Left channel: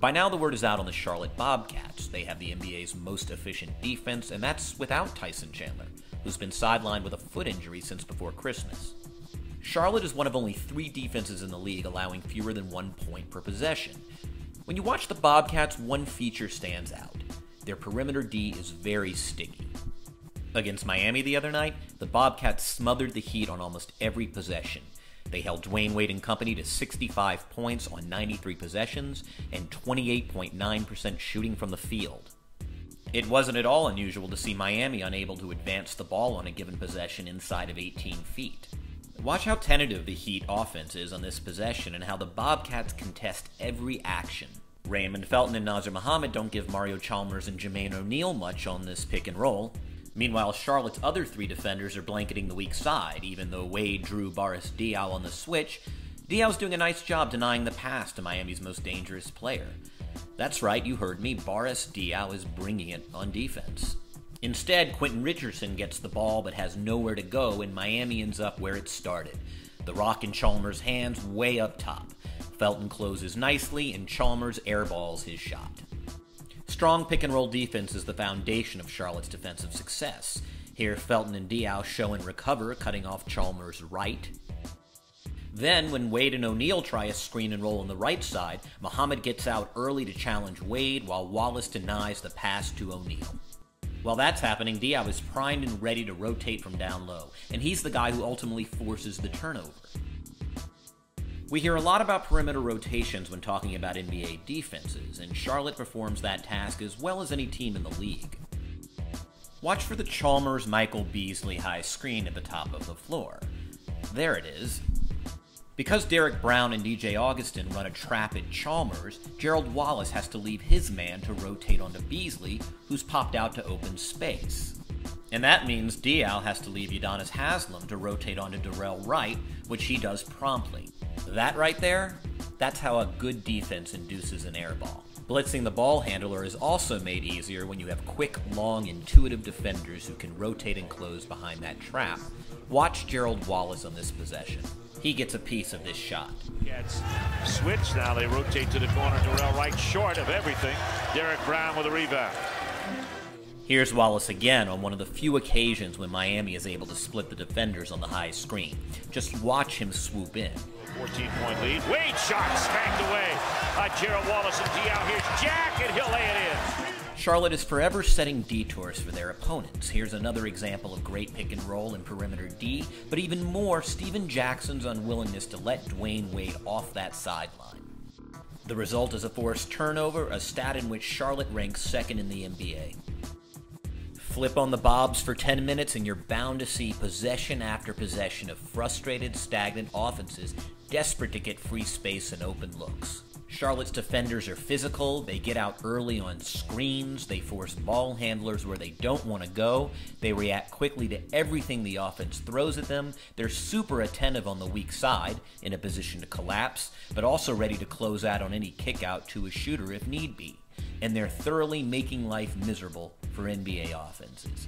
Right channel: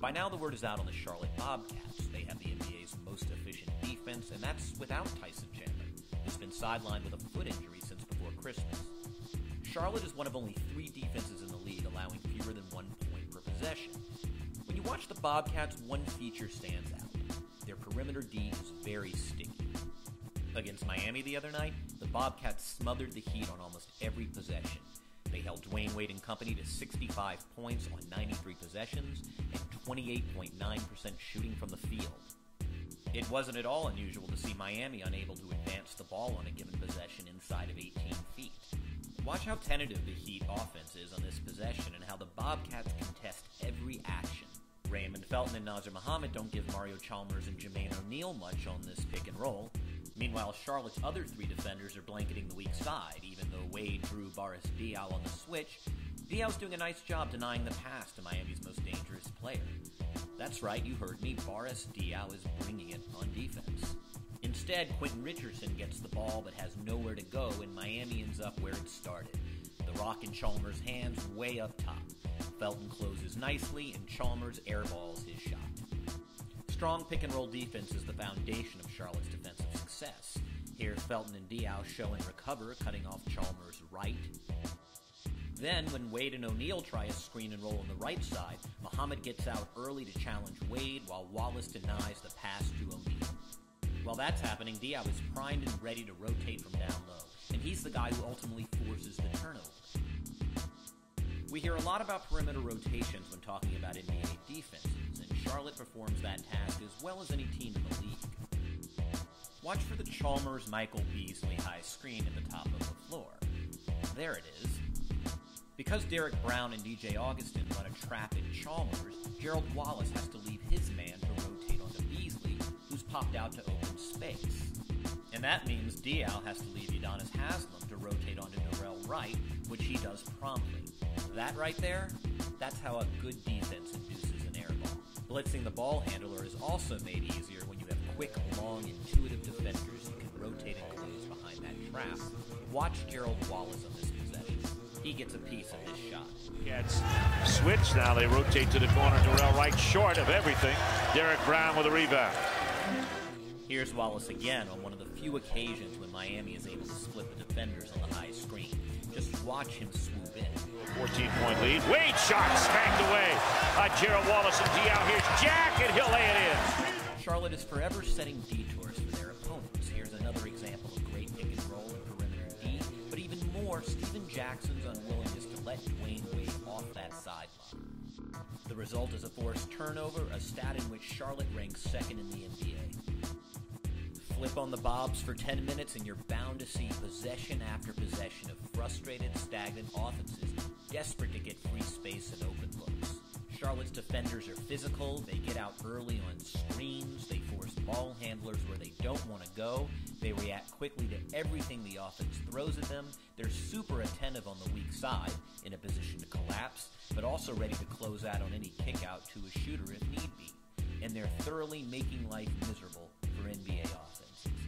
By now, the word is out on the Charlotte Bobcats. They have the NBA's most efficient defense, and that's without Tyson Chandler, who's been sidelined with a foot injury since before Christmas. Charlotte is one of only 3 defenses in the league allowing fewer than 1 point per possession. When you watch the Bobcats, one feature stands out. Their perimeter D is very sticky. Against Miami the other night, the Bobcats smothered the Heat on almost every possession. They held Dwayne Wade and company to 65 points on 93 possessions and 28.9% shooting from the field. It wasn't at all unusual to see Miami unable to advance the ball on a given possession inside of 18 feet. Watch how tentative the Heat offense is on this possession and how the Bobcats contest every action. Raymond Felton and Nazr Mohammed don't give Mario Chalmers and Jermaine O'Neal much on this pick and roll. Meanwhile, Charlotte's other 3 defenders are blanketing the weak side. Even though Wade drew Boris Diaw on the switch, Diaw's doing a nice job denying the pass to Miami's most dangerous player. That's right, you heard me, Boris Diaw is bringing it on defense. Instead, Quentin Richardson gets the ball but has nowhere to go, and Miami ends up where it started. The rock in Chalmers' hands way up top. Felton closes nicely, and Chalmers airballs his shot. Strong pick-and-roll defense is the foundation of Charlotte's defensive success. Here, Felton and Diaw show and recover, cutting off Chalmers' right. Then, when Wade and O'Neal try a screen and roll on the right side, Mohammed gets out early to challenge Wade, while Wallace denies the pass to O'Neal. While that's happening, Diaw is primed and ready to rotate from down low, and he's the guy who ultimately forces the turnover. We hear a lot about perimeter rotations when talking about NBA defenses, and Charlotte performs that task as well as any team in the league. Watch for the Chalmers-Michael Beasley high screen at the top of the floor. There it is. Because Derek Brown and DJ Augustin run a trap at Chalmers, Gerald Wallace has to leave his man to rotate onto Beasley, who's popped out to open space. And that means Diaw has to leave Udonis Haslem to rotate onto Darrell Wright, which he does promptly. That right there, that's how a good defense induces an air ball. Blitzing the ball handler is also made easier when you have quick, long, intuitive defenders who can rotate and close behind that trap. Watch Gerald Wallace on this possession. He gets a piece of this shot. Gets switch now. They rotate to the corner. Darrell Wright short of everything. Derek Brown with a rebound. Here's Wallace again on one of the few occasions when Miami is able to split the defenders on the high screen. Just watch him swoop in. 14-point lead. Wade shot spanked away by Gerald Wallace and Diaw. Here's Jack, and he'll lay it in. Charlotte is forever setting detours for their opponents. Here's another example of great pick and roll and perimeter D, but even more, Stephen Jackson's unwillingness to let Dwayne Wade off that sideline. The result is a forced turnover, a stat in which Charlotte ranks second in the NBA. Flip on the Bobs for 10 minutes and you're bound to see possession after possession of frustrated, stagnant offenses desperate to get free space and open looks. Charlotte's defenders are physical, they get out early on screens, they force ball handlers where they don't want to go, they react quickly to everything the offense throws at them, they're super attentive on the weak side, in a position to collapse, but also ready to close out on any kick out to a shooter if need be. And they're thoroughly making life miserable for NBA offenses.